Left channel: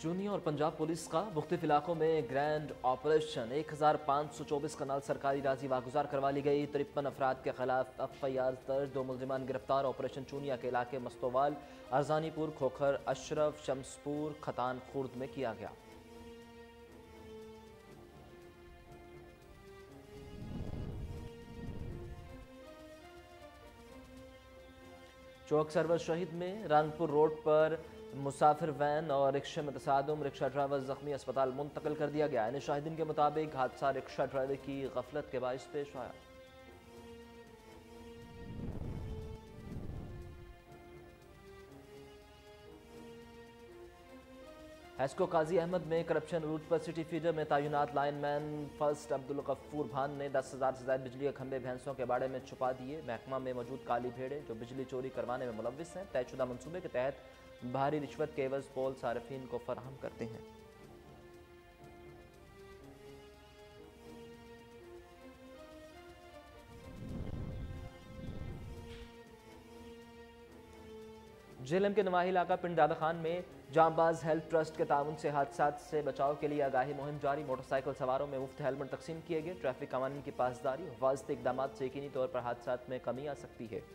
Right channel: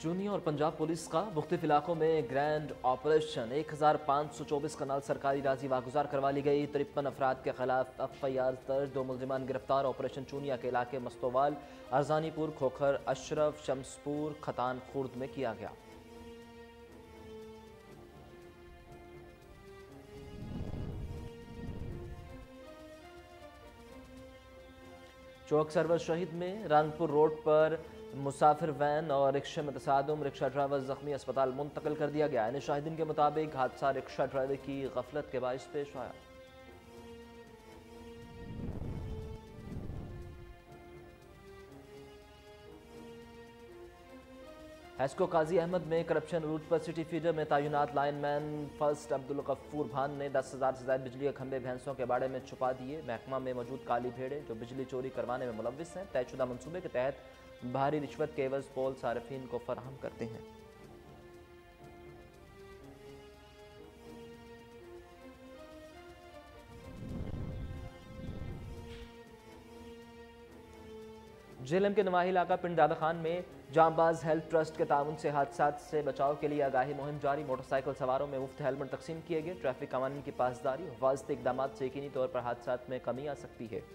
चूनी और पंजाब पुलिस का मुख्तलिफ इलाकों में ग्रैंड ऑपरेशन 1524 कनाल सरकारी राजी वागुजार करवा ली गई। 53 अफराद के खिलाफ एफआईआर दर्ज, 2 मुलजिमान गिरफ्तार। ऑपरेशन चूनिया के इलाके मस्तोवाल, अरजानीपुर, खोखर, अशरफ, शमसपुर, खतान खुर्द में किया गया। चौक सरवर शहीद में रानपुर रोड पर मुसाफिर वैन और रिक्शे में तसादुम, रिक्शा ड्राइवर जख्मी, अस्पताल मुंतकिल कर दिया गया। इन शाहिदीन के मुताबिक हादसा रिक्शा ड्राइवर की गफलत के बाइस पेश आया। हेस्को काजी अहमद में करप्शन रूट पर सिटी फीडर में तैनात लाइनमैन फर्स्ट अब्दुल गफूर भान ने 10,000 से ज्यादा बिजली के खंभे भैंसों के बाड़े में छुपा दिए। महकमा में मौजूद काली भेड़े जो बिजली चोरी करवाने में मुलव्विस हैं, तयशुदा मंसूबे के तहत भारी रिश्वत के एवज पोल सारिफीन को फराहम करते हैं। झेलम के नवाही इलाका पिंड दादा खान में जांबाज हेल्थ ट्रस्ट के ताउन से हादसा से बचाव के लिए आगाही मुहिम जारी। मोटरसाइकिल सवारों में मुफ्त हेलमेट तकसीम किए गए। ट्रैफिक कानून की पासदारी और वास्ते इकदाम से यकीनी तौर पर हादसा में कमी आ सकती है।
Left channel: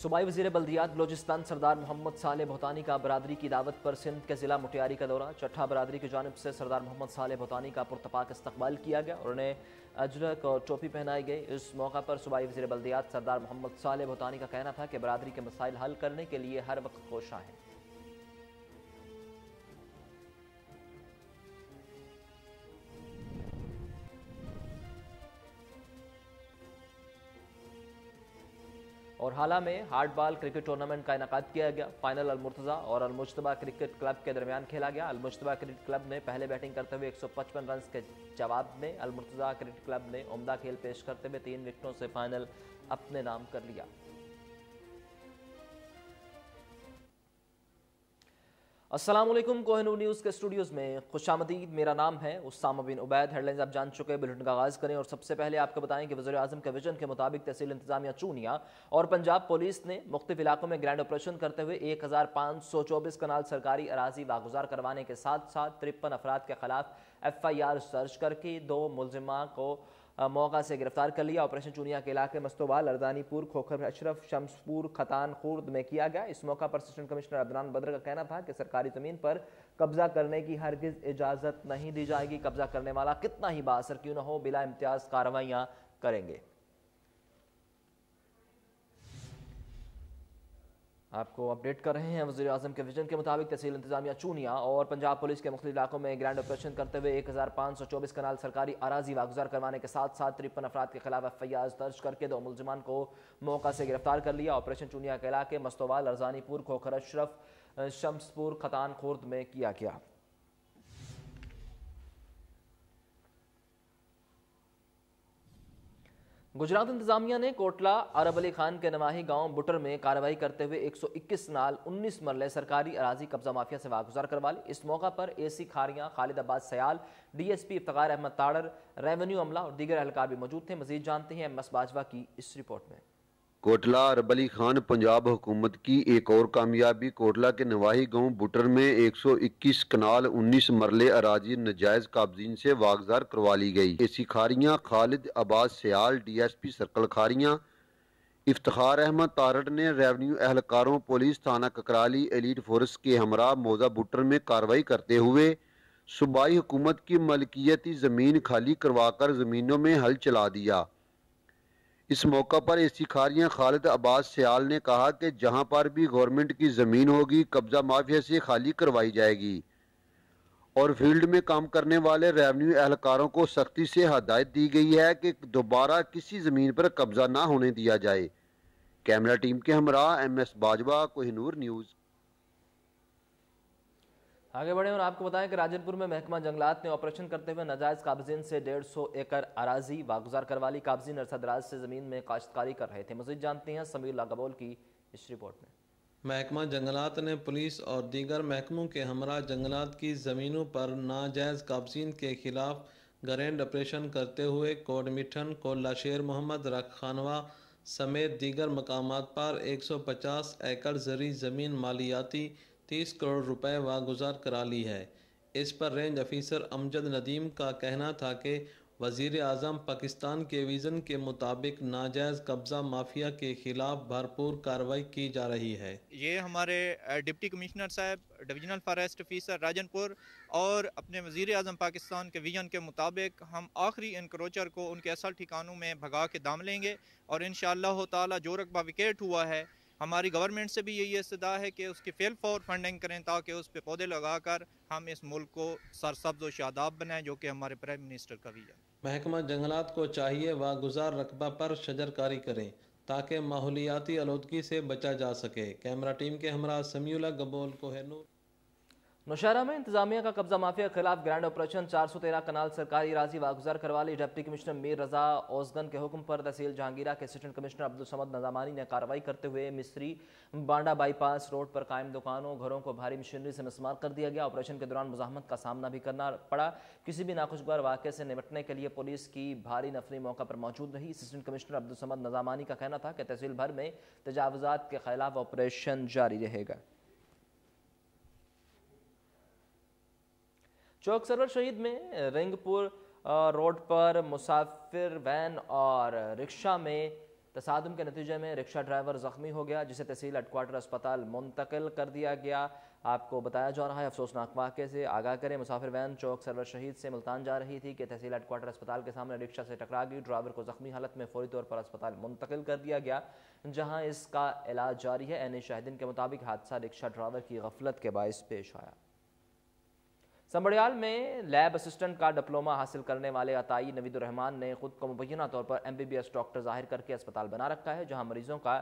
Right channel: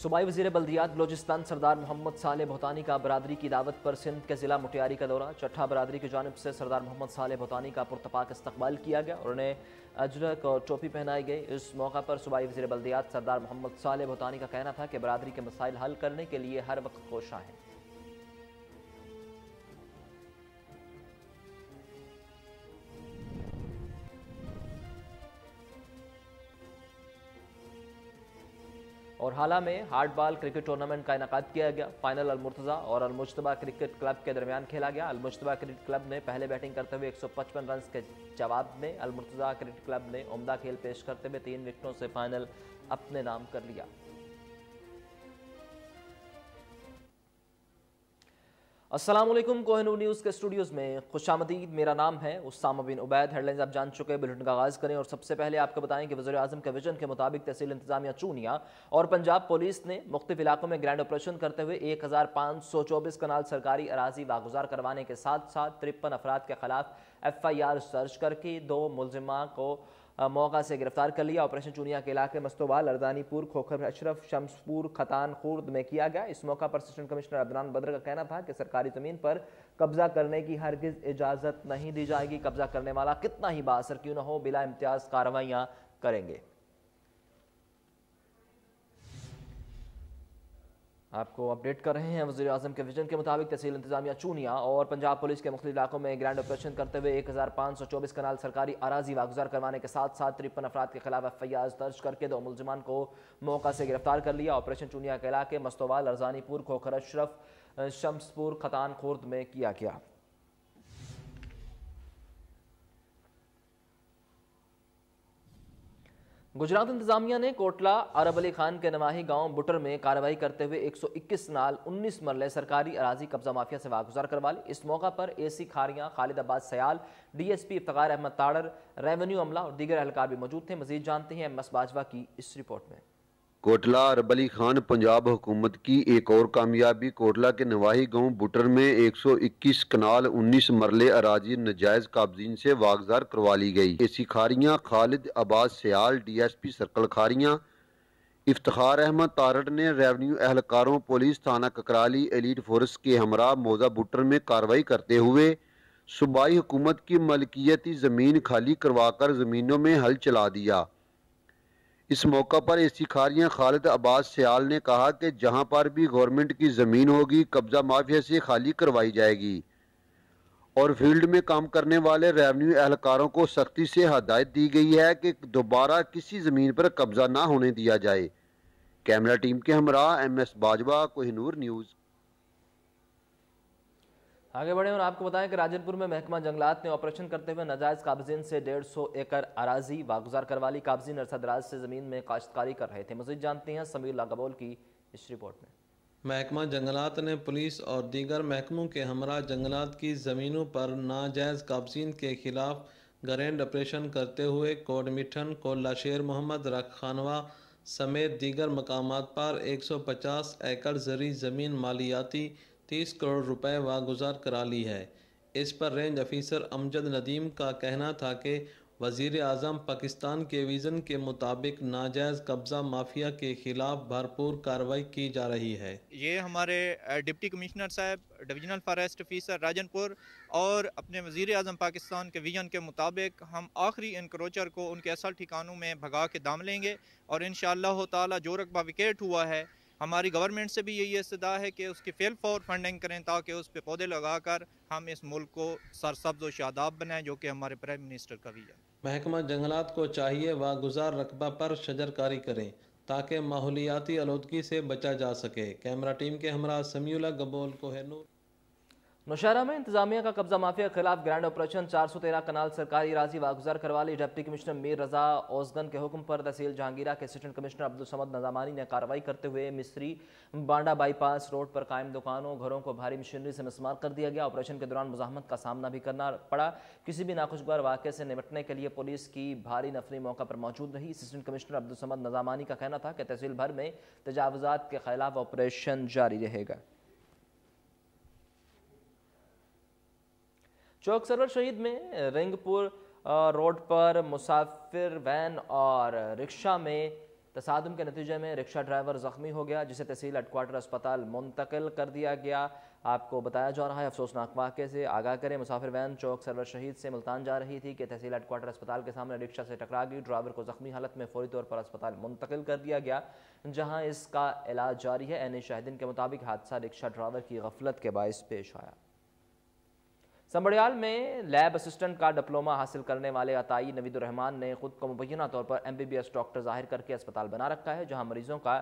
सूबाई वजीर बल्दियात बलोचिस्तान सरदार मोहम्मद साले भूतानी का बरादरी की दावत पर सिंध के जिला मुटियारी का दौरा। चट्ठा बरादरी की जानिब से सरदार मोहम्मद साले भूतानी का पुरतपाक इस्तकबाल किया गया और उन्हें अजरक और टोपी पहनाई गई। इस मौका पर सूबाई वजीर बल्दियात सरदार मोहम्मद साले भूतानी का कहना था कि बरादरी के मसाइल हल करने के लिए हर वक्त कोशा है। और हाला में हार्ड बॉल क्रिकेट टूर्नामेंट का इनेकाद किया गया। फाइनल अल-मुर्तजा और अल-मुज्तबा क्रिकेट क्लब के दरमियान खेला गया। अल-मुज्तबा क्रिकेट क्लब ने पहले बैटिंग करते हुए 155 रन के जवाब में अल-मुर्तजा क्रिकेट क्लब ने उम्दा खेल पेश करते हुए 3 विकेटों से फाइनल अपने नाम कर लिया। अस्सलामुअलैकुम, कोहिनूर न्यूज के स्टूडियोज में खुशामदीद। मेरा नाम है उसामा बिन उबैद। हेडलाइंस आप जान चुके हैं, बुलेटिन का आगाज करें और सबसे पहले आपको बताएं कि वज़ीर आज़म के विजन के मुताबिक तहसील इंतजामिया चूनिया और पंजाब पुलिस ने मुख्तलिफ इलाकों में ग्रैंड ऑपरेशन करते हुए 1524 कनाल सरकारी अराजी वागुजार करवाने के साथ साथ 53 अफराद के खिलाफ एफआईआर दर्ज करके 2 मुलजिमा को मौका से गिरफ्तार कर लिया। ऑपरेशन चूनिया के इलाके मस्तोवाल, अरजानीपुर, खोखर, अशरफ, शमसपुर, खतान खुर्द में किया गया। इस मौका पर असिस्टेंट कमिश्नर अदनान बद्र का कहना था कि सरकारी जमीन पर कब्जा करने की हरगिज इजाजत नहीं दी जाएगी। कब्जा करने वाला कितना ही बाअसर क्यों न हो, बिला इम्तियाज कार्रवाइयां करेंगे। आपको अपडेट कर रहे हैं वज़ीर आज़म के विजन के मुताबिक तहसील इंतजामिया चूनिया और पंजाब पुलिस के मुख्तलिफ इलाकों में ग्रैंड ऑपरेशन करते हुए 1524 कनाल सरकारी अराजी वागुजार करवाने के साथ साथ 53 अफराद के खिलाफ एफआईआर दर्ज करके 2 मुलजिमान को मौका से गिरफ्तार कर लिया। ऑपरेशन चूनिया के इलाके मस्तोवाल, अरजानीपुर, खोखर, अशरफ, शमसपुर, खतान खुर्द में किया गया। गुजरात इंतजामिया ने कोटला अरब अली खान के नवाही गांव बुटर में कार्रवाई करते हुए 121 नाल 19 मरले सरकारी अराजी कब्जा माफिया से वागुजार करवा ली। इस मौका पर AC Khariyan, Khalid Abbas Sayal, DSP Iftikhar Ahmad Tarar, revenue अमला और दीगर एहलकार भी मौजूद थे। मजीद जानते हैं एमएस बाजवा की इस रिपोर्ट में। कोटला अरब अली खान पंजाब हुकूमत की एक और कामयाबी। कोटला के नवाही गांव बुटर में 121 कनाल 19 मरले अराजी नजायज काबजीन से वागजार करवा ली गई। AC Khariyan, Khalid Abbas Sayal, DSP circle Khariyan, Iftikhar Ahmad Tarar ने रेवेन्यू एहलकारों, पुलिस थाना ककराली, एलीट फोर्स के हमरा मौजा बुटर में कार्रवाई करते हुए सूबाई हुकूमत की मलकियती जमीन खाली करवाकर जमीनों में हल चला दिया। इस मौका पर एसी खारियां खालिद अब्बास सयाल ने कहा कि जहां पर भी गवर्नमेंट की जमीन होगी कब्जा माफिया से खाली करवाई जाएगी और फील्ड में काम करने वाले रेवेन्यू एहलकारों को सख्ती से हदायत दी गई है कि दोबारा किसी जमीन पर कब्जा ना होने दिया जाए। कैमरा टीम के हमरा एमएस बाजवा, कोहिनूर न्यूज। आगे बढ़े और आपको बताएं कि राजनपुर में महकमा जंगलात ने ऑपरेशन करते हुए नाजायज काबजीन से 150 एकड़ अराजी वागुजार करवा ली। काबजीन अरसदराज से जमीन में काश्तकारी कर रहे थे। मजीद जानते हैं समीर लागबोल की इस रिपोर्ट में। महकमा जंगलात ने पुलिस और दीगर महकमों के हमरा जंगलात की ज़मीनों पर नाजायज़ काबजीन के खिलाफ ग्रैंड ऑपरेशन करते हुए कोडमिठन, कोल्लाशेर मोहम्मद रखानवा समेत दीगर मकामात पर 150 एकड़ ज़री ज़मीन मालियाती 30 करोड़ रुपए वागुजार करा ली है। इस पर रेंज ऑफिसर अमजद नदीम का कहना था कि वज़ीर आज़म पाकिस्तान के विज़न के मुताबिक नाजायज़ कब्ज़ा माफिया के खिलाफ भरपूर कार्रवाई की जा रही है। ये हमारे डिप्टी कमिश्नर साहब, डिविजनल फॉरेस्ट ऑफिसर राजनपुर और अपने वज़ीर आज़म पाकिस्तान के विजन के मुताबिक हम आखिरी इनक्रोचर को उनके असल ठिकानों में भगा के दाम लेंगे और इंशाअल्लाह ताला जो रकबा विकेट हुआ है, हमारी गवर्नमेंट से भी यही इस्तदा है कि उसकी फेल फॉर फंडिंग करें ताकि उस पर पौधे लगाकर हम इस मुल्क को सरसब्ज़ और शादाब बनाएं, जो कि हमारे प्राइम मिनिस्टर का विजन। महकमा जंगलात को चाहिए वागुजार रकबा पर शजरकारी करें ताकि माहौलियाती आलूदगी से बचा जा सके। कैमरा टीम के हमरा समीउल्लाह गबोल कोहिनूर। नौशहरा में इंतजामिया का कब्जा माफिया के खिलाफ ग्रैंड ऑपरेशन 413 कनाल सरकारी राजी वागुजार करवा ली। डिप्टी कमिश्नर मीर रजा ओसगन के हुक्म पर तहसील जहांगीरा के असिस्टेंट कमिश्नर अब्दुल समद नजामानी ने कार्रवाई करते हुए मिस्री बांडा बाईपास रोड पर कायम दुकानों घरों को भारी मशीनरी से मिसमार कर दिया गया। ऑपरेशन के दौरान मुजाहमत का सामना भी करना पड़ा। किसी भी नाखुशगवार वाक़े से निपटने के लिए पुलिस की भारी नफरी मौका पर मौजूद रही। असिस्टेंट कमिश्नर अब्दुल समद नजामानी का कहना था कि तहसील भर में तजावुजात के खिलाफ ऑपरेशन जारी रहेगा। चौक सरवर शहीद में रिंगपुर रोड पर मुसाफिर वैन और रिक्शा में तसादुम के नतीजे में रिक्शा ड्राइवर जख्मी हो गया, जिसे तहसील हेडक्वार्टर अस्पताल मुंतकिल कर दिया गया। आपको बताया जा रहा है अफसोसनाक वाक़े से आगाह करें। मुसाफिर वैन चौक सरवर शहीद से मुल्तान जा रही थी कि तहसील हेडक्वार्टर अस्पताल के सामने रिक्शा से टकरा गई। ड्राइवर को जख्मी हालत में फौरी तौर पर अस्पताल मुंतकिल कर दिया गया, जहाँ इसका इलाज जारी है। ऐन शाहिदीन के मुताबिक हादसा रिक्शा ड्राइवर की गफलत के बायस पेश आया। संबड़ियाल में लैब असिस्टेंट का डिप्लोमा हासिल करने वाले अताई नवीदुर रहमान ने खुद को मुबैना तौर पर MBBS डॉक्टर जाहिर करके अस्पताल बना रखा है, जहां मरीजों का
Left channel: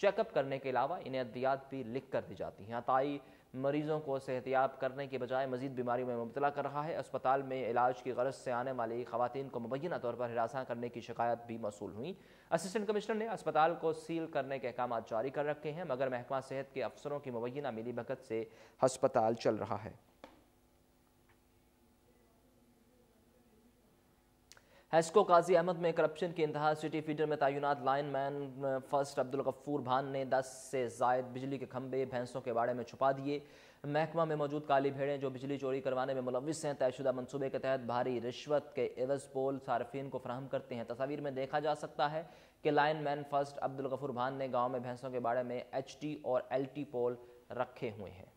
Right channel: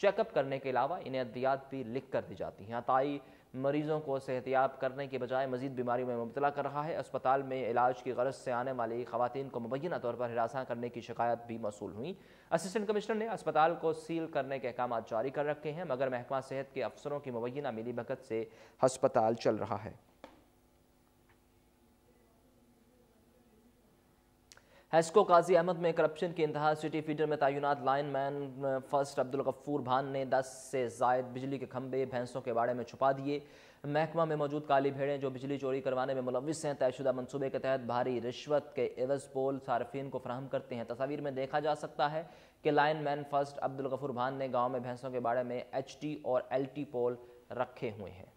चेकअप करने के अलावा इन्हें अद्वियात भी लिख कर दी जाती हैं। अताई मरीजों को सेहतियाब करने के बजाय मजीद बीमारियों में मुब्तला कर रहा है। अस्पताल में इलाज की गरज से आने वाली खवातीन को मुबैना तौर पर हिरासा करने की शिकायत भी मौसूल हुई। असिस्टेंट कमिश्नर ने अस्पताल को सील करने के अहकाम जारी कर रखे हैं, मगर महकमा सेहत के अफसरों की मुबैना मिलीभगत से अस्पताल चल रहा है। हेस्को काजी अहमद में करप्शन की इंतहा। सिटी फीडर में तैनात लाइनमैन फर्स्ट अब्दुल गफूर भान ने 10 से जायद बिजली के खंभे भैंसों के बाड़े में छुपा दिए। महकमा में मौजूद काली भेड़ें जो बिजली चोरी करवाने में मुलविस हैं, तयशुदा मनसूबे के तहत भारी रिश्वत के एवज पोल सार्फिन को फराहम करते हैं। तस्वीर में देखा जा सकता है कि लाइनमैन फर्स्ट अब्दुल गफूर भान ने गाँव में भैंसों के बाड़े में HT और LT पोल रखे हुए हैं।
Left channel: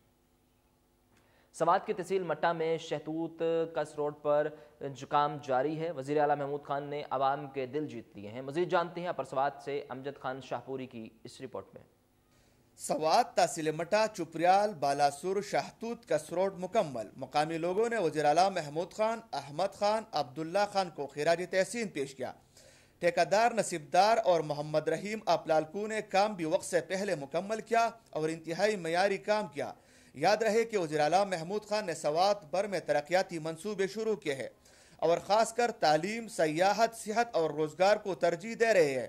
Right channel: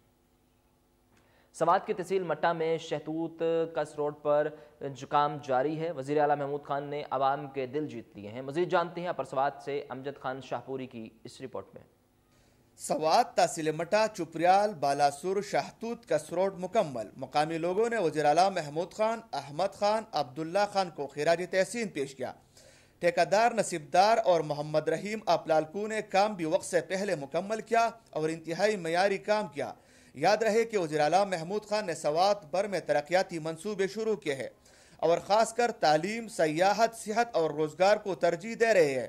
समात की तहसील मट्टा में शहतूत कस रोड पर जुकाम जारी है। वजीर आला महमूद खान ने आवाम के दिल जीत लिए हैं। मजीद जानते हैं अपर सवात से अमजद खान शाहपुरी की इस रिपोर्ट में। सवात तहसील मट्टा, चुपरियाल, बालासुर, शहतूत कस रोड मुकम्मल। मुकामी लोगों ने वजीर आला महमूद खान, अहमद खान, अब्दुल्ला खान को खिराज तहसीन पेश किया। ठेकेदार नसीबदार और मोहम्मद रहीम अपलालकू ने काम भी वक्त से पहले मुकम्मल किया और इंतहाई मयारी काम किया। याद रहे कि वज़ीर आला महमूद खान ने सवात भर में तरक्याती मंसूबे शुरू किए हैं और खासकर तालीम, सयाहत, सेहत और रोजगार को तरजीह दे रहे हैं।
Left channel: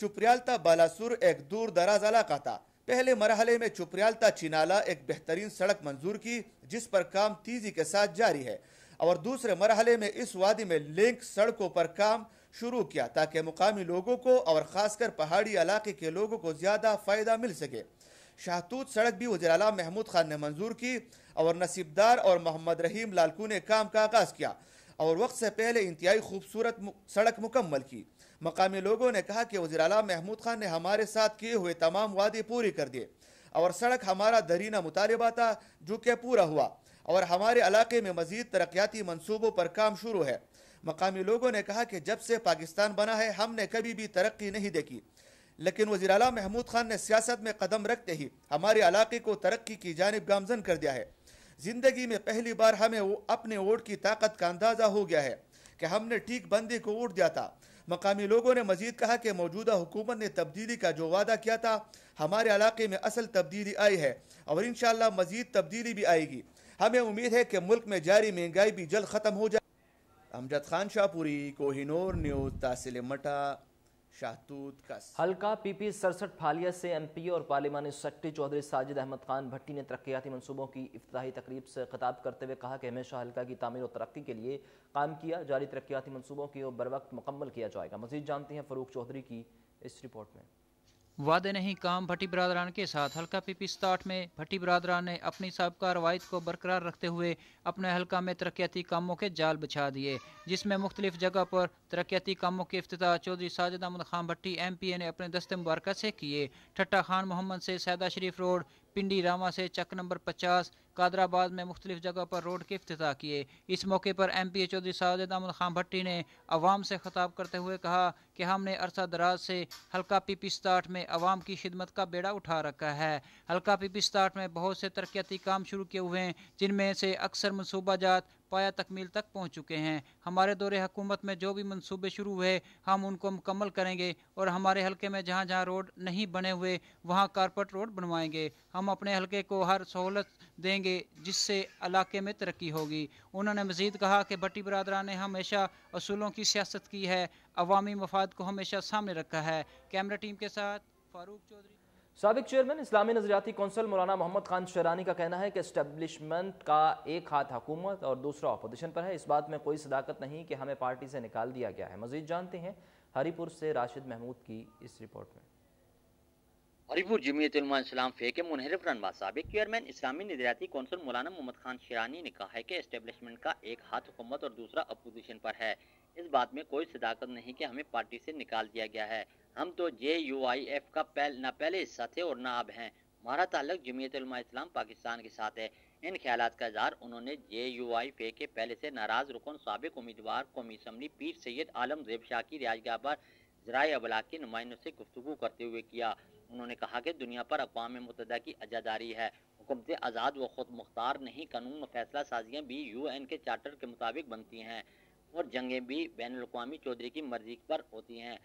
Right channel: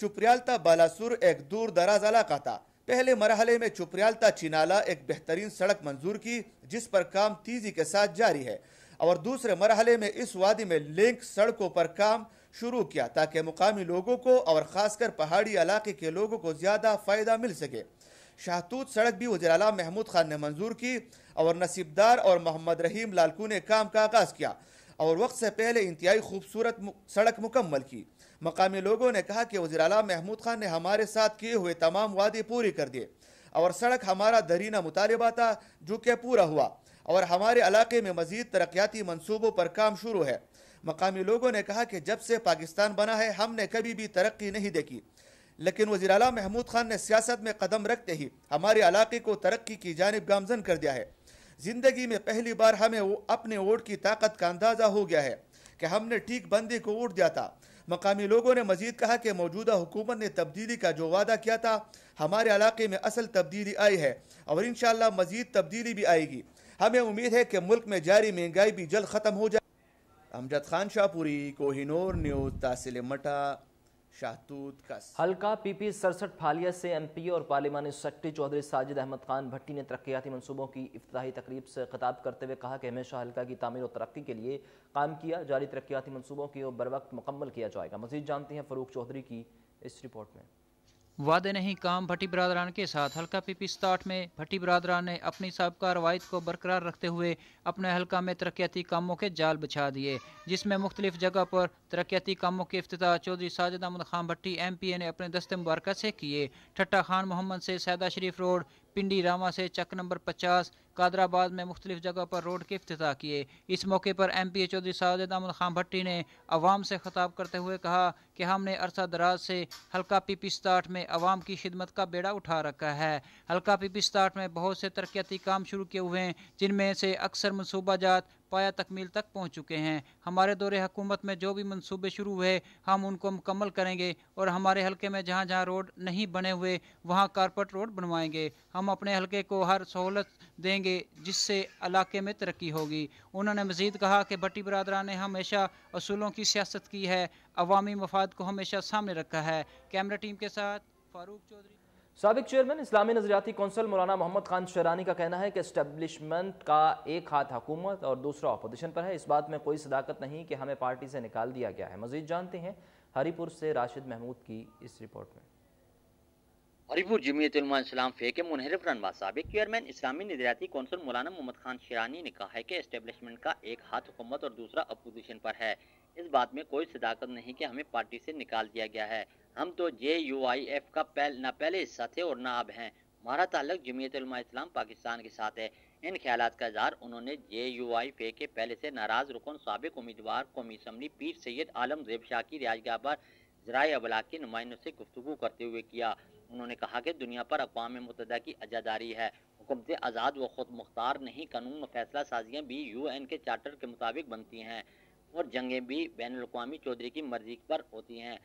चुपरियाल ता बालासुर एक दूर दराज इलाका था। पहले मरहले में चुपरियाल ता चिनाला एक बेहतरीन सड़क मंजूर की, जिस पर काम तेजी के साथ जारी है, और दूसरे मरहले में इस वादी में लिंक सड़कों पर काम शुरू किया ताकि मुकामी लोगों को और खासकर पहाड़ी इलाके के लोगों को ज्यादा फायदा मिल सके। शहतूत सड़क भी वज़ीर आला महमूद खान ने मंजूर की और नसीबदार और मोहम्मद रहीम लालकू ने काम का आगाज किया और वक्त से पहले इंतहाई खूबसूरत सड़क मुकम्मल की। मकामी लोगों ने कहा कि वज़ीर आला महमूद खान ने हमारे साथ किए हुए तमाम वादे पूरे कर दिए और सड़क हमारा दरीना मुतालिबा था जो कि पूरा हुआ और हमारे इलाके में मजीद तरक्याती मंसूबों पर काम शुरू है। मकामी लोगों ने कहा कि जब से पाकिस्तान बना है हमने कभी भी तरक्की नहीं देखी, लेकिन वज़ीर आला महमूद खान ने सियासत में कदम रखते ही हमारे इलाके को तरक्की की जानिब गामजन कर दिया है। जिंदगी में पहली बार हमें अपने वोट की ताकत का अंदाजा हो गया है कि हमने ठीक बंदे को वोट दिया था। मकामी लोगों ने मजीद कहा कि मौजूदा हुकूमत ने तब्दीली का जो वादा किया था, हमारे इलाके में असल तब्दीली आई है और इंशाअल्लाह मजीद तब्दीली भी आएगी। हमें उम्मीद है कि मुल्क में जारी महंगाई भी जल्द खत्म हो जाए। अमजद खान शाहपुरी, कोहिनूर न्यूज़, तहसील मट्टा, शाहतूत कस। हल्का PP 67 फालिया से MP और पार्लिमानी सेक्रेटरी चौधरी साजिद अहमद खान भट्टी ने तरक्याती मंसूबों की इफ्तिताही तकरीब से खिताब करते हुए कहा कि हमेशा हल्का की तामीर और तरक्की के लिए काम किया। जारी तरक्याती मंसूबों की बर वक्त मुकम्मल किया जाएगा। मजीद जानते हैं फरूक चौधरी की इस रिपोर्ट में। वादे नहीं काम भट्टी बरादरान के साथ हल्का PP 67 में भट्टी बरादरान ने अपनी साबका रवायत को बरकरार रखते हुए अपने हल्का में तरक्याती कामों के जाल बिछा दिए, जिसमें मुख्तलिफ जगह पर तरक्याती कामों के इफ्तिताह चौधरी साजिद अहमद खान भट्टी MPA ने अपने दस्ते मुबारक से किए। ठट्टा खान मोहम्मद से सैदा शरीफ रोड, पिंडी रामा से चक नंबर 50, कादराबाद में मुख्तलिफ जगह पर रोड के इफ्तिताह किए। इस मौके पर MPA चौधरी साजिद अहमद खान भट्टी ने अवाम से खिताब करते हुए कहा कि हमने अरसा दराज से हल्का PP 67 में अवाम की खिदमत का बेड़ा उठा रखा है। हल्का PP 67 में बहुत से तरक्याती काम शुरू किए हुए हैं, जिनमें से अक्सर मनसूबाजात पाया तकमील तक पहुँच चुके हैं। हमारे दौरे हुकूमत में जो भी मनसूबे शुरू हुए हम उनको मुकम्मल करेंगे और हमारे हल्के में जहाँ जहाँ रोड नहीं बने हुए वहाँ कारपेट रोड बनवाएंगे। हम अपने हल्के को हर सहूलत देंगे जिससे इलाके में तरक्की होगी। उन्होंने मजीद कहा कि भट्टी बरादरान ने हमेशा असूलों की सियासत की है, अवामी मफाद को हमेशा सामने रखा है। कैमरा टीम के साथ फारूक चौधरी। साबिक चेयरमैन इस्लामी नजरियाती कौंसिल मौलाना मोहम्मद खान शेरानी का कहना है कि एस्टेब्लिशमेंट का एक हाथ हुकूमत और दूसरा अपोजिशन पर है। इस बात में कोई सदाकत नहीं कि हमें पार्टी से निकाल दिया गया है। मजीद जानते हैं हरीपुर से राशिद महमूद की इस रिपोर्ट में। हरीपुर जमीयत उलमा इस्लाम फे के मुनहरिफ रहनुमा साबिक चेयरमैन इस्लामी नजरियाती कौंसिल मौलाना मोहम्मद खान शेरानी ने कहा है कि एस्टेब्लिशमेंट का एक हाथ हुकूमत और दूसरा अपोजिशन पर है। इस बात में कोई सदाकत नहीं कि हमें पार्टी से निकाल दिया गया है। हम तो JUIF का न पहले हिस्सा थे और न अब हैं। हमारा ताल्लुक जमीयत उलमा इस्लाम पाकिस्तान के साथ है। इन ख्यालात का इज़हार उन्होंने JUIF के पहले से नाराज रुकन साबिक उम्मीदवार कौमी असम्बली पीर सैयद आलम ज़ेब शाह की रिहाइशगाह पर ज़राए अबलाग के नुमाइंदों से गुफ्तगू करते हुए किया। उन्होंने कहा कि दुनिया पर अक़वाम मुत्तहिदा की अजादारी है, हुकूमतें आज़ाद व खुद मुख्तार नहीं, कानून व फैसला साजियाँ भी UN के चार्टर के मुताबिक बनती हैं और जंगें भी बैनुल अक़वामी चौधरी की मर्जी पर होती हैं।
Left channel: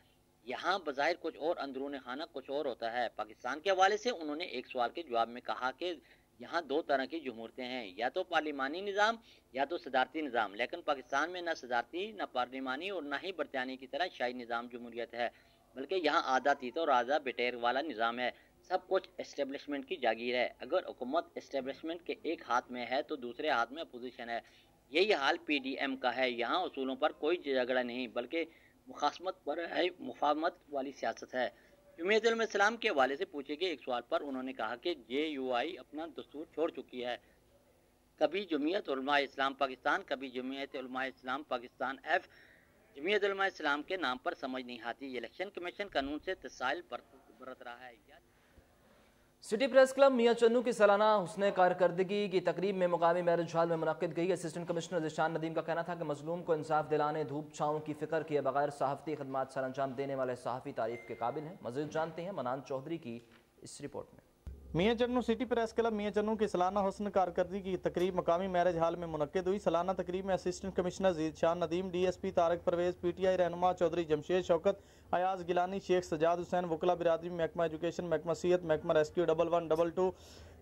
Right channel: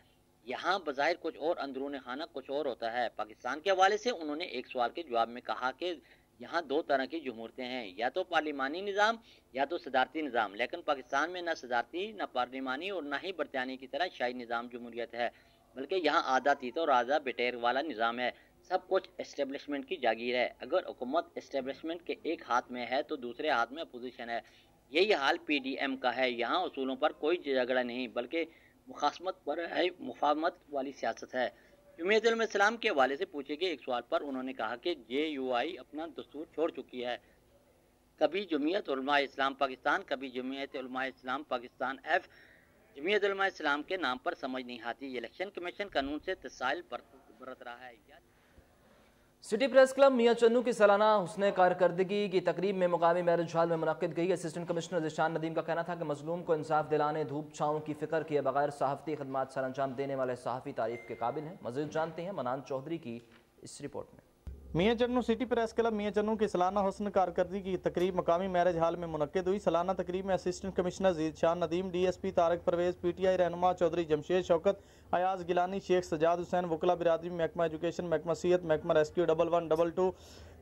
यहाँ बज़ाहिर कुछ और अंदरून खाना कुछ और होता है। पाकिस्तान के हवाले से उन्होंने एक सवाल के जवाब में कहा कि यहाँ दो तरह की जमहूरतें हैं, या तो पार्लिमानी निज़ाम या तो सदारती निज़ाम, लेकिन पाकिस्तान में न सदारती न पार्लिमानी और न ही बरतानिया की तरह शाही निज़ाम जमहूरियत है, बल्कि यहाँ आधा तीता और आधा बिटेर वाला निज़ाम है। सब कुछ एस्टेब्लिशमेंट की जागीर है। अगर हुकूमत एस्टेब्लिशमेंट के एक हाथ में है तो दूसरे हाथ में अपोजिशन है। यही हाल PDM का है। यहाँ उसूलों पर कोई झगड़ा नहीं बल्कि मुखासमत पर है, मुफाहमत वाली सियासत है। जमीयत उलमा इस्लाम के हवाले से पूछे गए एक सवाल पर उन्होंने कहा कि JUI अपना दस्तूर छोड़ चुकी है। कभी जमीयत उलमा इस्लाम पाकिस्तान, कभी जमीयत उलमा इस्लाम पाकिस्तान F। जमीयत उलमा इस्लाम के नाम पर समझ नहीं आती। इलेक्शन कमीशन कानून से तसाइल बरत रहा है। सिटी प्रेस क्लब मियां चन्नू की सालाना हुस्ने कारकर्दगी की तकरीब में मुकामी मैरिज हॉल में मुनक्किद गई। असिस्टेंट कमिश्नर ज़ीशान नदीम का कहना था कि मजलूम को इंसाफ दिलाने धूप छाँव की फिक्र किए बगैर सहाफ़ती खदमात सर अंजाम देने वाले सहाफ़ी तारीफ के काबिल हैं। मज़ीद जानते हैं मनान चौधरी की इस रिपोर्ट में। मियां चन्नू सिटी प्रेस क्लब मियां चन्नू की सालाना हुस्न कारकर्दगी की तकरीब मकामी मैरिज हॉल में मुनक्किद हुई। सालाना तकरीब में assistant commissioner Zeeshan Nadeem, DSP Tariq Parvez, PTI Rehnuma Chaudhary Jamshed Shaukat, Ayaz Gilani, Sheikh Sajjad Hussain, वकला बिरादरी, महकमा एजुकेशन, महकमा सेहत, महकमा rescue 1112,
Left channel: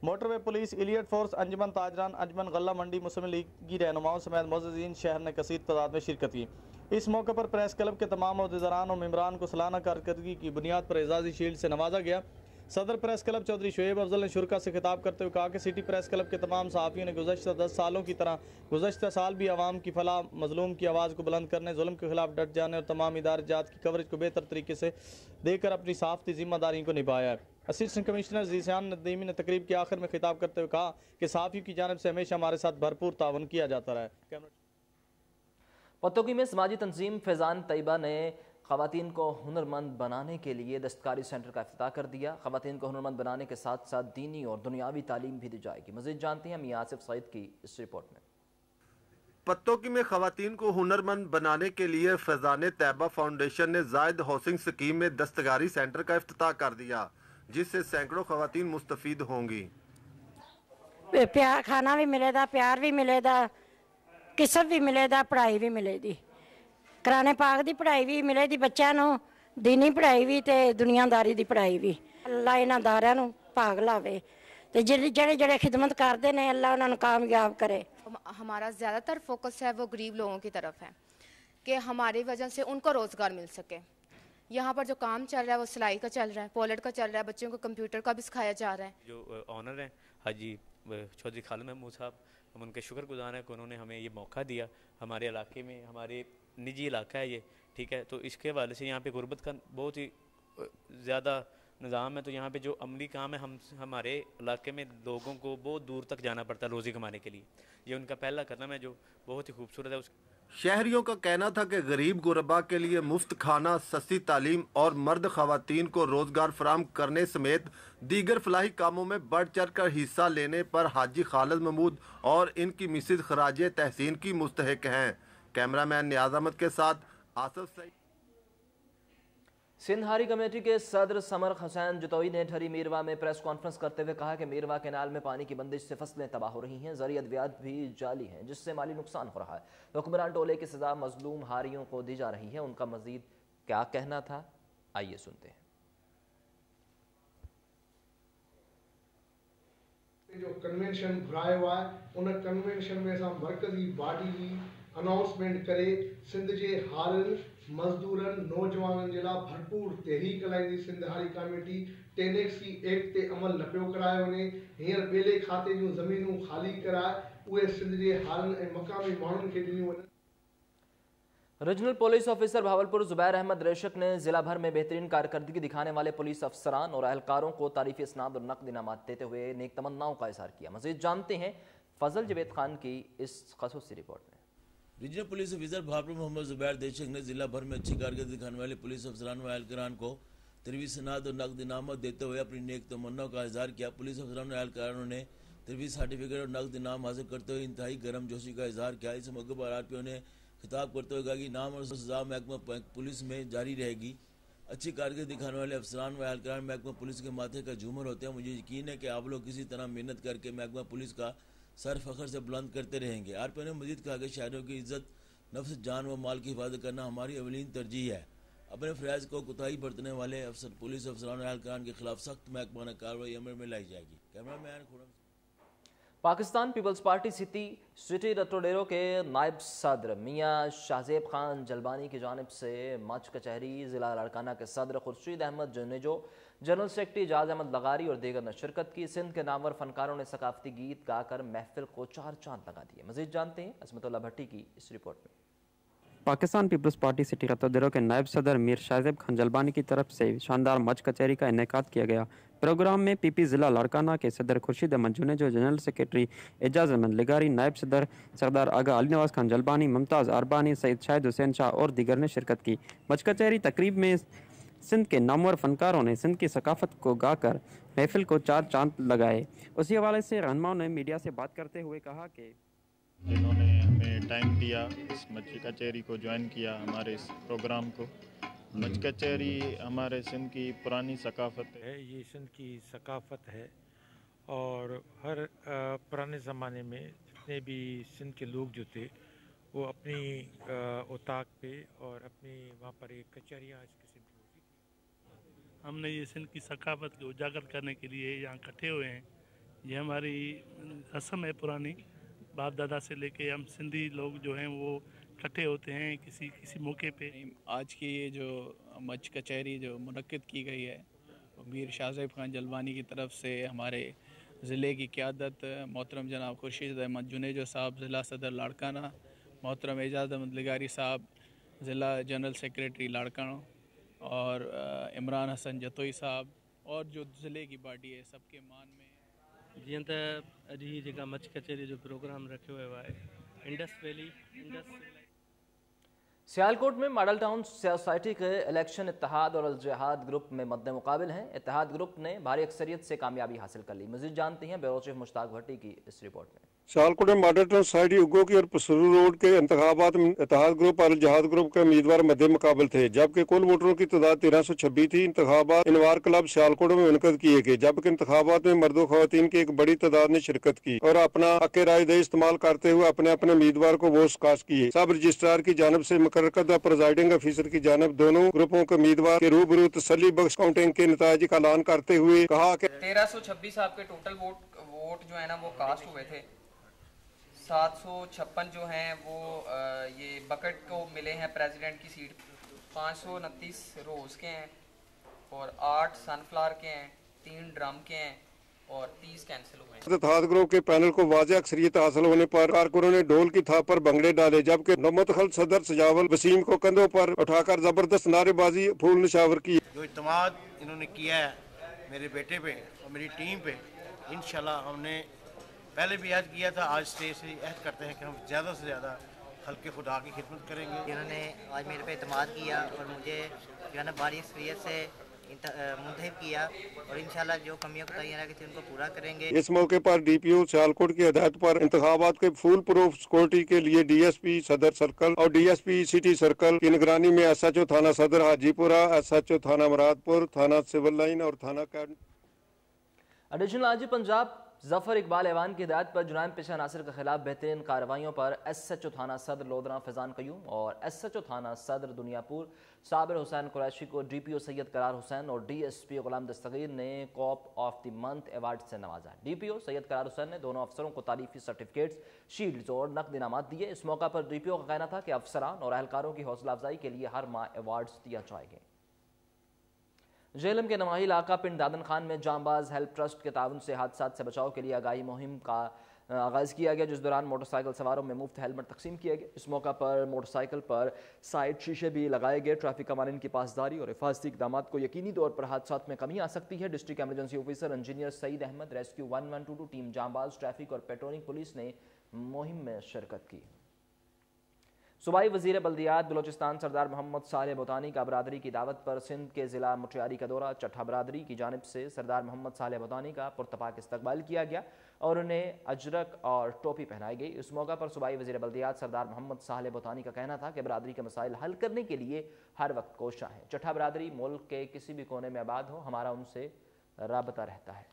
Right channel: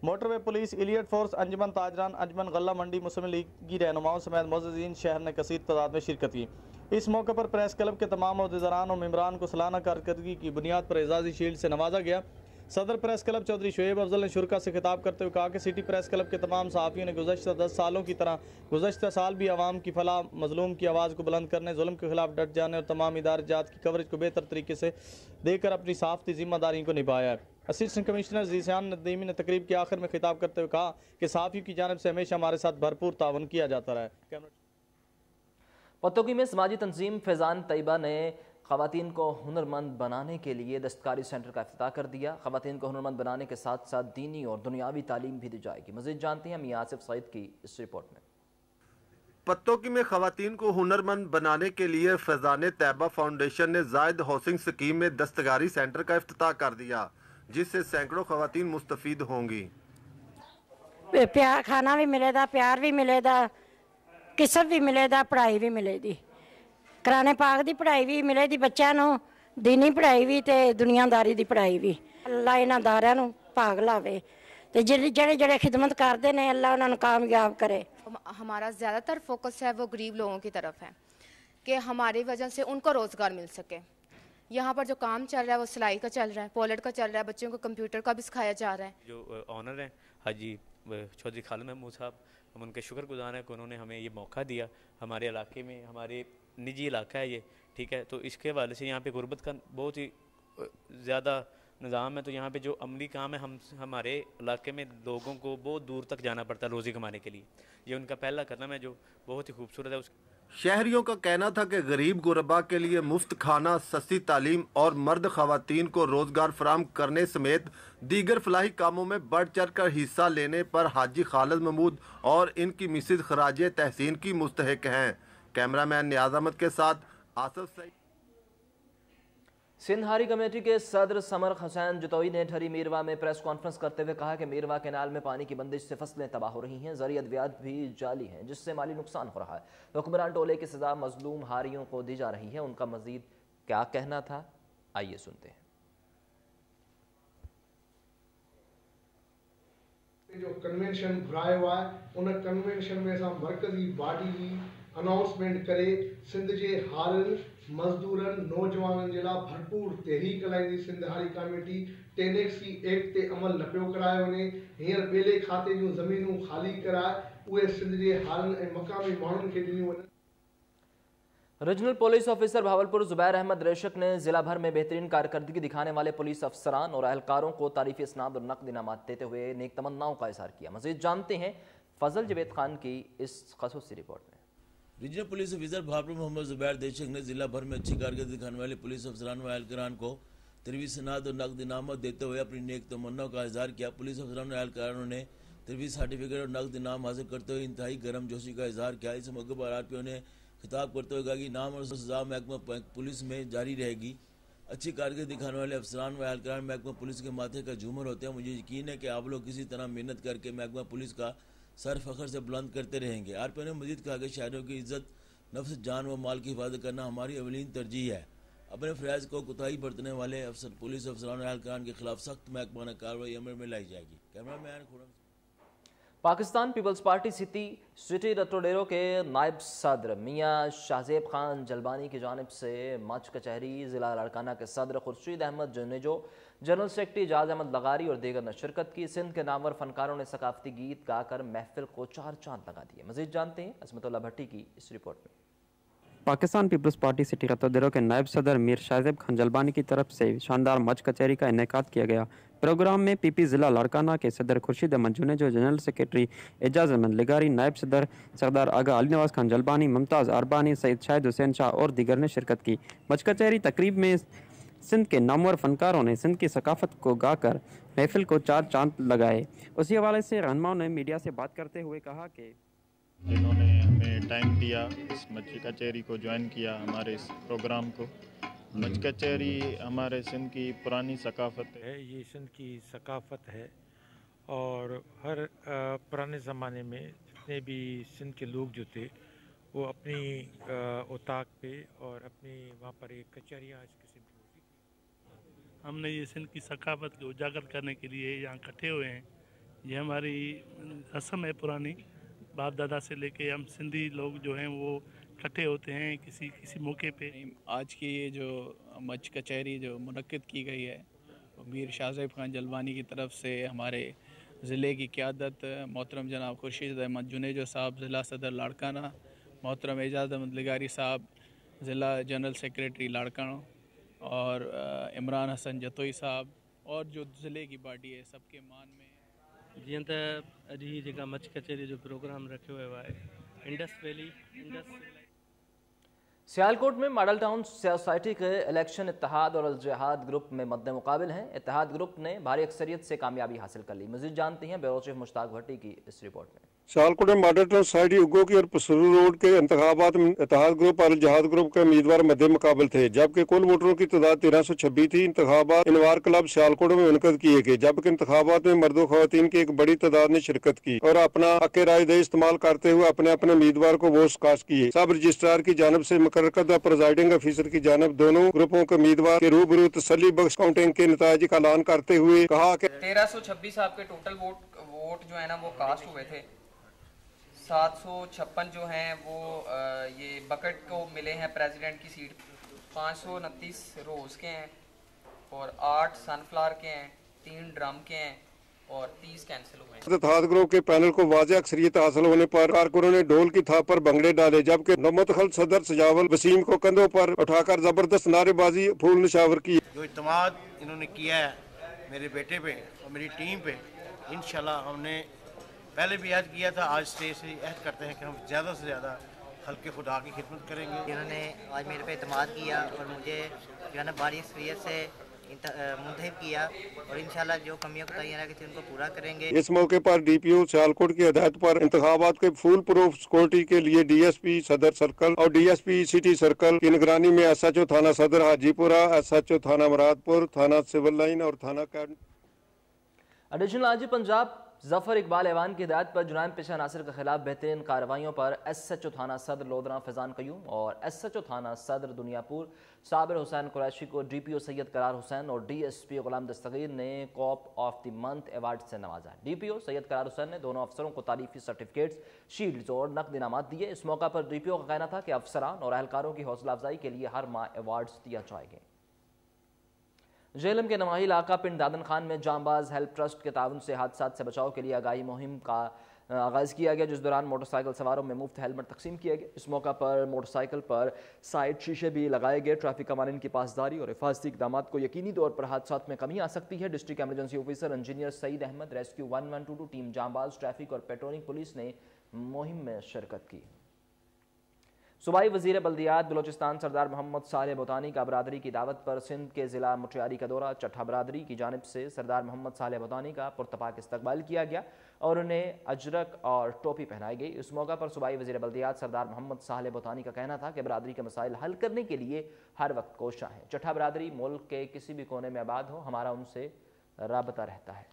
motorway police, elite force, अंजुमन ताजरान, अंजुमन गल्ला मंडी, मुस्लिम लीग की रहनुमाओं समेत मोअज़्ज़िज़ीन शहर ने कसीर तादाद में शिरकत की। इस मौके पर प्रेस क्लब के तमाम अहदेदारान और मेम्बरान को सालाना कारकर्दगी की बुनियाद पर एजाज़ी शील्ड से नवाजा गया। सदर प्रेस क्लब चौधरी शोएब अफजल ने शुरा से खिताब करते हुए कहा कि सिटी प्रेस क्लब के तमाम सहाफ़ियों ने गुज़श्ता 10 सालों की तरह गुज़श्ता साल भी आवाम की फलाह, मजलूम की आवाज़ को बुलंद करने, जुल्म के खिलाफ डट जाने और तमाम इदारे जात की कवरेज को बेहतर तरीके से देकर अपनी सहाफ़ती जिम्मेदारी को निभाया है। असिस्टेंट कमिश्नर ज़ीशान नदीमी ने तकरीब के आखिर में खिताब करते हुए कहा कि सहाफ़ियों की जानिब से हमेशा हमारे साथ भरपूर तावन किया जाता रहा है। पत्तोकी में समाजी तंजीम फैज़ान तैयबा ने ख़वातीन को हुनरमंद बनाने के लिए दस्तकारी सेंटर का इफ्तिताह कर दिया। ख़वातीन को हुनरमंद बनाने के साथ साथ दीनी और दुनियावी तालीम भी दी जाएगी। मज़ीद जानते हैं मियां आसिफ सईद की इस रिपोर्ट में। पत्तोकी में ख़वातीन को हुनरमंद बनाने के लिए फैज़ान तैयबा फाउंडेशन ने जायद हाउसिंग स्कीम में दस्तकारी सेंटर का इफ्तिताह कर दिया, जिससे सैकड़ों ख़वातीन मुस्तफ़ीद होंगी। प्यार खाना भी मिलेगा, प्यार भी मिलेगा, किस्मत भी मिलेगा, पढ़ाई भी मिलेगी, कुरान पाक की पढ़ाई भी मिलेगी बच्चों को, दीनी पढ़ाई भी ते दुनियादारी की पढ़ाई भी। अल्लाह इन्हां दारियां नूं भाग लावे ते जेड़े खिदमत करते हैं अल्लाह उन्हां नूं कामयाब करे। हमारा ज़्यादातर फोकस है वो गरीब लोगों की तरफ है कि हमारी वजह से उनको रोज़गार मिल सके। यहाँ पर जो काम चल रहा है वो सिलाई का चल रहा है, पोलट का चल रहा है, बच्चों को कंप्यूटर का भी सिखाया जा रहा है। जो ऑनर हैं हाजी चौधरी खालिद महमूद साहब, हम उनके शुक्रगुजार हैं कि उन्होंने हमें ये मौका दिया। हमारे इलाके में, हमारे निजी इलाका है ये, ठीक है, तो इसके हवाले से यहाँ पे गुर्बत का बहुत ही ज़्यादा निज़ाम है। तो यहाँ पे जो अमली काम है, हमारे इलाके में लोगों को बहुत दूर तक जाना पड़ता है रोज़ी कमाने के लिए। ये उनका पहला कदम है जो बहुत ही खूबसूरत है। शहरियों का कहना था कि गरीब गुरबा के लिए मुफ्त खाना, सस्ती तालीम और मर्द खवातीन को रोजगार फराहम करने समेत दीगर फलाही कामों में बढ़ चढ़ कर हिस्सा लेने पर हाजी खालिद महमूद और इनकी मिसेज खराज तहसीन की मुस्तहिक हैं। कैमरामैन नियाज अहमद के साथ आसिफ सईद। सिंध हारी कमेटी के सदर समर हुसैन जतोई ने ठरी मीरवा में प्रेस कॉन्फ्रेंस करते हुए कहा कि मीरवा कैनाल में पानी की बंदिश से फसलें तबाह हो रही हैं, ज़रिया अद्वियात भी जाली हैं, जिससे माली नुकसान हो रहा है। हुक्मरान टोले की सजा मजलूम हारियों को दी जा रही है। उनका मजीद क्या कहना था, आइए सुनते हैं। जो कन्वेंशन घुरायो आहे उन कन्वेंशन में असां मरकज़ी बॉडी जी अनाउंसमेंट करे सिंध जे हारनि मजदूरनि नौजवाननि जे लाइ भरपूर तहरीक हलाईंदी। सिंध हारी कमेटी टेनेक्सी एक्ट ते अमल न पियो करायो वञे। हींअर ॿेले खाते जूं ज़मीनूं ख़ाली कराए उहे सिंध जे हारनि ऐं मक़ामी माण्हुनि खे ॾिनियूं वञनि। Regional police officer Bahawalpur Zubair Ahmed Dreshak ने जिला भर में बेहतरीन कारकर्दगी दिखाने वाले पुलिस अफसरान और एहलकारों को तारीफी इसनाद और नकद इनामात देते हुए नेक तमन्नाओं का इजहार किया। मजीद जानते हैं फजल जवेद खान की इस खसूसी रिपोर्ट में। Regional police officer Bahawalpur Muhammad Zubair Dreshak ने जिला भर में अच्छी कारकर्दगी दिखाने वाले पुलिस अफसरान व एहलकारान को तारीफी इसनाद और नकद इनामत देते हुए अपनी नेक तमन्नाओं का इजहार किया। पुलिस अफसरान और एहलकारों ने तारीफी सर्टिफिकेट और नकद इनाम हासिल करते हुए इंतहाई गर्म जोशी का इजहार किया। इस मौके पर आरपीओ ने खिताब करते हुए कहा कि नाम और सजा महकमा पुलिस में जारी रहेगी। अच्छी कारकर्दगी दिखाने वाले अफसरान व एहलकार महकमा पुलिस के माथे का झूमर होते हैं। मुझे यकीन है कि आप लोग किसी तरह मेहनत करके महकमा पुलिस का सर फखर से बुलंद करते रहेंगे। आरपीओ ने मजीद कहा कि शहरों की इज्जत, नफ्स, जान व माल की हिफाजत करना हमारी अवलीन तरजीह है। अपने फराइज को कोताही बरतने वाले पुलिस अफसरान और एहलकार के खिलाफ सख्त महकमाना कार्रवाई अमल में लाई जाएगी। Cameraman Khurram. Pakistan peoples party city Ratodero के नायब सदर मियां शाहजेब खान जलबानी की जानिब से मच कचहरी जिला लाड़काना के सदर खुर्शीद अहमद जुनेजो, जनरल सेक्रेटरी जाज अहमद लगारी और दीगर ने शिरकत की। सिंध के नामवर फनकारों ने सकाफती गीत गाकर महफिल को चार चांद लगा दिए। मजीद जानते हैं असमतुल्लाह भट्टी की इस रिपोर्ट में। Pakistan peoples party city Ratodero के नायब सदर मीर शाहजेब खान जलबानी की तरफ से शानदार मच कचहरी का इनेकाद किया गया। प्रोग्राम में पीपी जिला लाड़काना के सदर खुर्शीद अहमद जुनेजो, जनरल सेक्रेटरी एजाज अहमद लिगारी, नायब सदर सरदार आगा अली नवाज खान जलबानी, मुमताज़ अरबानी, सईद शाहिद हुसैन शाह और दीगर ने शिरकत की। मच कचहरी तकरीब में सिंध के नामवर फनकारों ने सिंध की सकाफत को गाकर महफिल को चार चांद लगाए। उसी हवाले से रहनुमाओं ने मीडिया से बात करते हुए कहा कि जिन्होंने हमें टाइम दिया, इस मच कचहरी को ज्वाइन किया, हमारे इस प्रोग्राम को। मच कचहरी हमारे सिंध की पुरानी सकाफत है, ये सिंध की सकाफत है और हर पुराने ज़माने में जितने भी सिंध के लोग जो थे वो अपनी उताक पे और अपनी वहाँ पर एक कचहरियाँ इस किस्म की होती थी। हमने ये सिंध की सकाफत को उजागर करने के लिए यहाँ इकट्ठे हुए हैं। ये हमारी रस्म है पुरानी, बाप दादा से लेके हम सिंधी लोग जो हैं वो इकट्ठे होते हैं किसी मौके पे। आज की ये जो मच कचहरी जो मुनक्किद की गई है मीर शाहजेब खान जलबानी की तरफ से हमारे ज़िले की क़यादत मोहतरम जनाब खुर्शीद अहमद जुनेजो साहब ज़िला सदर लाड़काना, मोहतरम एजाज अहमद लिगारी साहब ज़िला जनरल सेक्रेटरी लाड़काना और इमरान हसन जतोई साहब और जो ज़िले की बॉडी है सबके मान में जीअं त अॼु ही जेका मच कचहरी जो प्रोग्राम रखियो वियो आहे इंडस वैली सियालकोट में मॉडल टाउन सोसाइटी के इलेक्शन इत्तेहाद और अल जिहाद ग्रुप में मद्दे मुकाबिल हैं। इत्तेहाद ग्रुप ने भारी अक्सरियत से कामयाबी हासिल कर ली। मजीद जानते हैं ब्यूरो चीफ मुश्ताक भट्टी की इस रिपोर्ट में। सियालकोट में मॉडल टाउन सोसाइटी उगो की और पसरू रोड के इंतखाबात में इत्तेहाद ग्रुप और जिहाद ग्रुप के उम्मीदवार मध्य मुकाबल थे, जबकि कुल वोटरों की तादाद 1326 थी। इंतखाबात इनवार क्लब सियालकोट में मुनक़द किए गए, जबकि इंतखाबात में मर्दों खवातीन की एक बड़ी तादाद ने शिरकत की और अपना हक़ राय दही इस्तेमाल करते हुए अपने अपने उम्मीदवार को वोट कास्ट किए। सब रजिस्ट्रार की जानब से मुकर्रर करदा प्रिजाइडिंग अफसर की जानब दोनों ग्रुपों के उम्मीदवार के रूबरू तसल्ली बख्श काउंटिंग के नतीजे का ऐलान करते हुए कहा कि 1326 आपके टोटल वोट जो है ना वो कास्ट हुए थे। 756 जो हैं वो ये बकेट को मिले हैं प्रेसिडेंट की सीट 529 रोज के हैं और 8 सनफ्लावर के हैं, 3 ड्रम के हैं और 30 कैंसिल हुए हैं। इत्तेहाद ग्रुप के पैनल को वाज़ेह अक्सरियत हासिल होने पर कारकुनों ने ढोल की थाप पर भंगड़े डाले, जबकि नौमुतखल सदर सजावल वसीम को कंधों पर उठाकर जबरदस्त नारेबाजी फूल निशावर की। जो इत्तेमाद इन्होंने किया है मेरे बेटे पे और मेरी टीम पे, इंशाल्लाह हमने पहले भी याद किया था, आज से ऐड करते हैं कि हम ज़्यादा से ज़्यादा हल्के खुदा की खिदमत करेंगे। इन्होंने आज मेरे पे इत्तेमाद किया और मुझे जो है ना बड़ी एक्सपीरियंस से मुंतखब किया और इंशाल्लाह जो कमियां कोताहियां रह गई थी उनको पूरा करेंगे। इस मौके पर DPO सियालकोट की हिदायत पर इंतखाबात के फुल प्रूफ सिक्योरिटी के लिए DSP सदर सर्कल और DSP सिटी सर्कल की निगरानी में SHO थाना सदर हाजीपुरा, SHO थाना मुरादपुर, थाना सिविल लाइन और थाना एडिशनल आईजी पंजाब जफर इकबाल ऐवान की हिदायत पर जुराइम पेशा अनासर के खिलाफ बेहतरीन कार्रवाइयों पर SHO थाना सदर लोधरा फैजान कयूम और SHO थाना सदर दुनियापुर साबिर हुसैन कुरैशी को DPO सैयद करार हुसैन और DSP गुलाम दस्तगीर ने corp of the month award से नवाजा। DPO सैयद करार हुसैन ने दोनों अफसरों को तारीफी सर्टिफिकेट्स, शील्ड्स और नकद इनामात दिए। इस मौका पर DPO का कहना था कि अफसरान और एहलकारों की हौसला अफजाई के लिए हर माह अवार्ड्स दिया जाएगा। झेलम के नवाही इलाका पिंड दादन खान में जांबाज हेल्प ट्रस्ट के ताउन से हादसा से बचाव के लिए आगाही मुहिम का आगाज किया गया, जिस दौरान मोटरसाइकिल सवारों में मुफ्त हेलमेट तकसीम किए गए। इस मौका पर मोटरसाइकिल पर साइड शीशे भी लगाए गए। ट्रैफिक कवानीन की पासदारी और हिफाजती इक़दाम को यकीनी तौर पर हादसा में कमी आ सकती है। District emergency officer engineer Saeed Ahmed, rescue 1122 team जांबाज, ट्रैफिक और पेट्रोलिंग पुलिस ने मुहिम में शिरकत की। सूबाई वजीर बल्दियात बलोचिस्तान सरदार मोहम्मद सालेह बोतानी का बरादरी की दावत पर सिंध के जिला मुटियारी का दौरा। चट्ठा बरादरी की जानिब से सरदार मोहम्मद सालेह बोतानी का पुरतपाक इस्तकबाल किया गया और उन्हें अजरक और टोपी पहनाई गई। इस मौका पर सूबाई वजीर बल्दियात सरदार मोहम्मद सालेह बोतानी का कहना था कि बरादरी के मसाइल हल करने के लिए हर वक्त कोशा है। चट्ठा बरादरी मुल्क के किसी भी कोने में आबाद हो, हमारा उनसे राबता रहता है।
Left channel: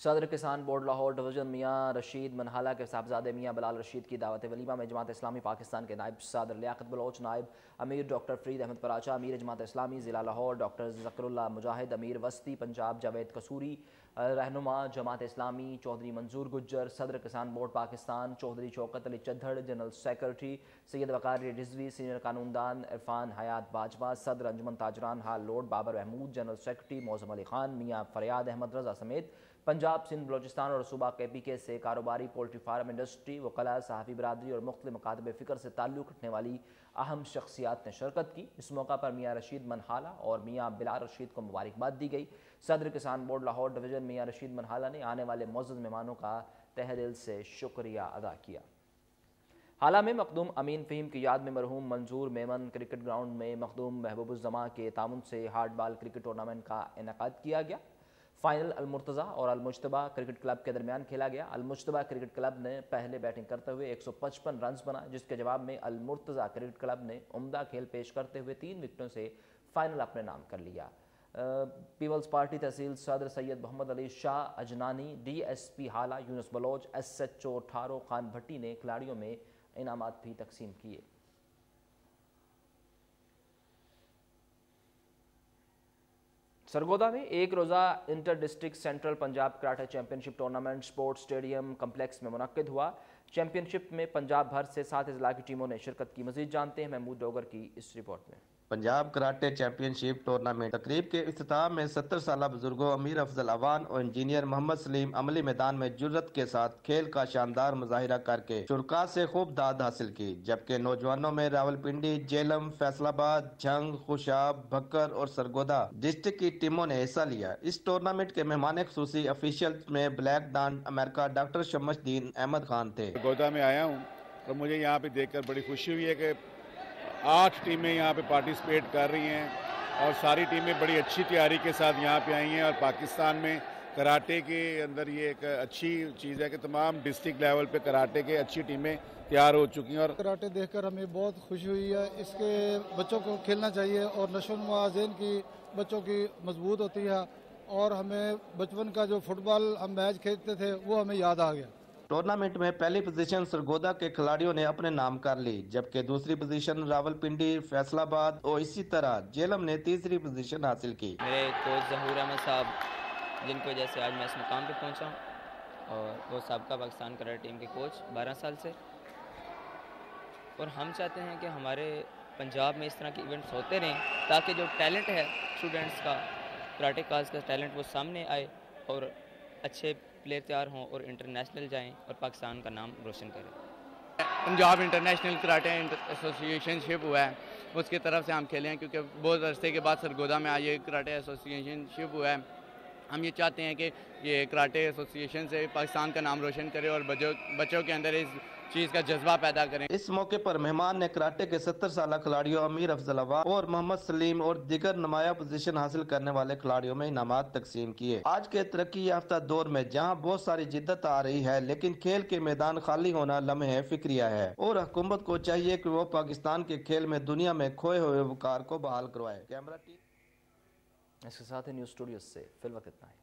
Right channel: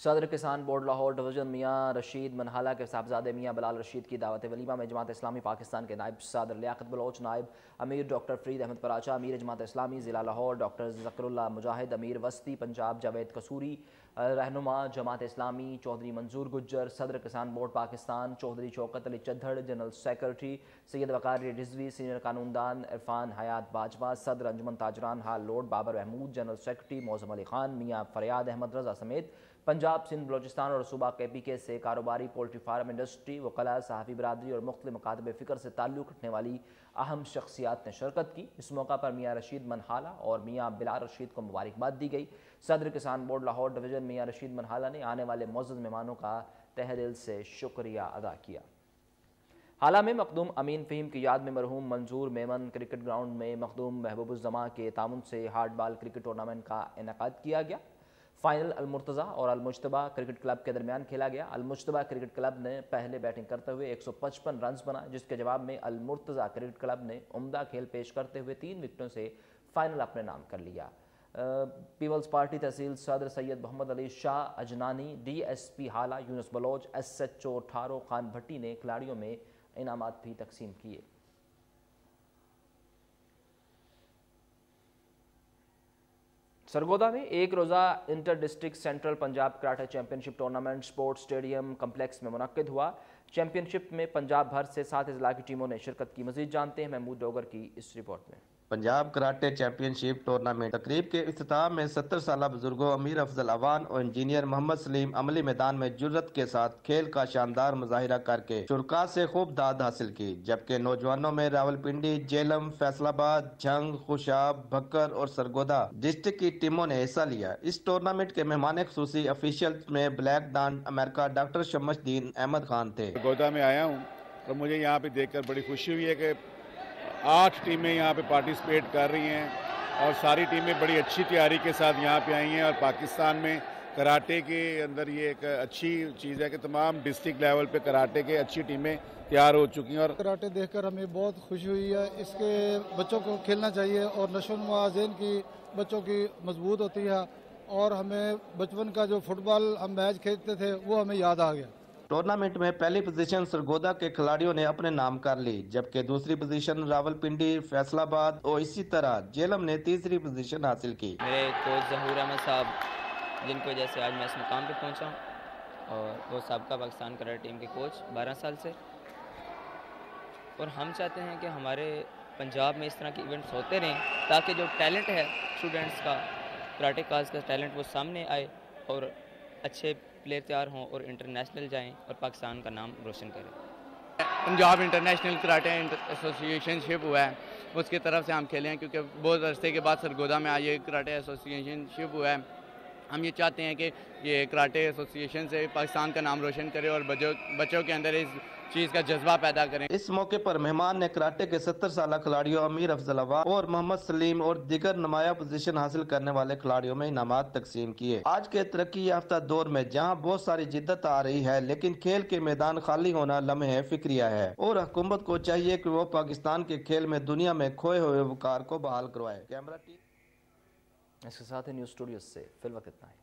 सदर किसान बोर्ड लाहौर डिवीजन मियाँ रशीद मनहाला के साहबजादे मियाँ बिलाल रशीद की दावत वलीमा में जमात इस्लामी पाकिस्तान के नायब सदर लियाकत बलोच, नायब अमीर डॉक्टर फरीद अहमद पराचा, अमीर जमात इस्लामी ज़िला लाहौर डॉक्टर ज़करुल्लाह मुजाहिद, अमीर वस्ती पंजाब जावेद कसूरी, रहनुमा जमात इस्लामी चौधरी मंजूर गुज्जर, सदर किसान board Pakistan Chaudhry Shaukat Ali Chaddar, general secretary Syed Waqar Rizvi, senior कानूनदान इरफान हयात बाजवा, सदर अंजुमन ताजरान Hall Road Babar Mahmood, general secretary Moazzam Ali Khan, मियाँ फरियाद अहमद रजा समेत पंजाब सिंध बलोचिस्तान और सूबा KPK से कारोबारी, पोल्ट्री फार्म इंडस्ट्री, वकला, सहाफ़ी बरादरी और मुख्तलिफ मकातब फ़िक्र से ताल्लुक़ रखने वाली अहम शख्सियात ने शिरकत की। इस मौका पर मियाँ रशीद मनहाला और मियाँ बिलाल रशीद को मुबारकबाद दी गई। सदर किसान बोर्ड लाहौर डिवीजन मियाँ रशीद मनहाला ने आने वाले मुअज़्ज़ज़ मेहमानों का तहे दिल से शुक्रिया अदा किया। हाला में मखदूम अमीन फ़हीम की याद में मरहूम मंजूर मेमन क्रिकेट ग्राउंड में मखदूम महबूबुज़्ज़मा के तामुन से हार्ड बॉल क्रिकेट टूर्नामेंट का इनेकाद किया गया। फाइनल अलमुर्तज़ा और अलमुज्तबा क्रिकेट क्लब के दरमियान खेला गया। अलमुज्तबा क्रिकेट क्लब ने पहले बैटिंग करते हुए 155 रन बनाए, जिसके जवाब में अलमुर्तज़ा क्रिकेट क्लब ने उम्दा खेल पेश करते हुए 3 विकेटों से फाइनल अपने नाम कर लिया। पीपल्स पार्टी तहसील सदर सैयद मोहम्मद अली शाह अजनानी, DSP हाला यूनुस बलोच, SHO ठारो खान भट्टी ने खिलाड़ियों में इनामात भी तकसीम किए। सरगोदा में एक रोज़ा inter district central Punjab karate championship tournament sports stadium complex में मुनक्किद हुआ। चैंपियनशिप में पंजाब भर से 7 अजला की टीमों ने शिरकत की। मजीद जानते हैं महमूद डोगर की इस रिपोर्ट में। पंजाब कराटे चैंपियनशिप टूर्नामेंट तकरीब के इख्तिताम में 70 साल बुजुर्गों अमीर अफजल अवान और इंजीनियर मोहम्मद सलीम अमली मैदान में जुर्रत के साथ खेल का शानदार मुजाहिरा करके शुरका से खूब दाद हासिल की, जबकि नौजवानों में रावलपिंडी, जेलम, फैसलाबाद, झंग, खुशाब, भक्कर और सरगोदा डिस्ट्रिक्ट की टीमों ने हिस्सा लिया। इस टूर्नामेंट के मेहमान खुसूसी ऑफिशियल में ब्लैक डांड अमेरिका डॉक्टर शमसुद्दीन अहमद खान थे। सरगोदा में आया हूँ तो मुझे यहाँ पे देखकर बड़ी खुशी हुई है कि 8 टीमें यहाँ पे पार्टिसिपेट कर रही हैं और सारी टीमें बड़ी अच्छी तैयारी के साथ यहाँ पे आई हैं। और पाकिस्तान में कराटे के अंदर ये एक अच्छी चीज़ है कि तमाम डिस्ट्रिक्ट लेवल पे कराटे के अच्छी टीमें तैयार हो चुकी हैं। और कराटे देखकर हमें बहुत खुशी हुई है। इसके बच्चों को खेलना चाहिए और नशोनुमा ज़हन की बच्चों की मजबूत होती है और हमें बचपन का जो फुटबॉल हम मैच खेलते थे वो हमें याद आ गया। टूर्नामेंट में पहली पोजीशन सरगोदा के खिलाड़ियों ने अपने नाम कर ली, जबकि दूसरी पोजीशन रावलपिंडी, फैसलाबाद और इसी तरह जेलम ने तीसरी पोजीशन हासिल की। मेरे कोच जहूर अहमद साहब जिनकी वजह से आज मैं इस मुकाम पे पहुंचा और वो साबका पाकिस्तान कराटे टीम के कोच 12 साल से, और हम चाहते हैं कि हमारे पंजाब में इस तरह के इवेंट्स होते रहें, ताकि जो टैलेंट है स्टूडेंट्स का, कराटे काज का टैलेंट, वो सामने आए और अच्छे प्लेयर तैयार हों और इंटरनेशनल जाएं और पाकिस्तान का नाम रोशन करें। पंजाब इंटरनेशनल कराटे एसोसिएशनशिप हुआ है, उसकी तरफ से हम खेले हैं, क्योंकि बहुत अरसे के बाद सरगोदा में आज ये कराटे एसोसिएशनशिप हुआ है। हम ये चाहते हैं कि ये कराटे एसोसिएशन से पाकिस्तान का नाम रोशन करे और बच्चों के अंदर इस चीज़ का जज्बा पैदा करें। इस मौके पर मेहमान ने कराटे के 70 साल खिलाड़ियों अमीर अफजल अवान और मोहम्मद सलीम और दीगर नुमाया पोजीशन हासिल करने वाले खिलाड़ियों में इनामात तकसीम किए। आज के तरक्की याफ्ता दौर में जहां बहुत सारी जिद्दत आ रही है, लेकिन खेल के मैदान खाली होना लम्हे फिक्रिया है और हुकूमत को चाहिए कि वो पाकिस्तान के खेल में दुनिया में खोए हुए वकार को बहाल करवाए। Camera team. इसके साथ ही न्यूज स्टूडियो से फिलहाल इतना ही।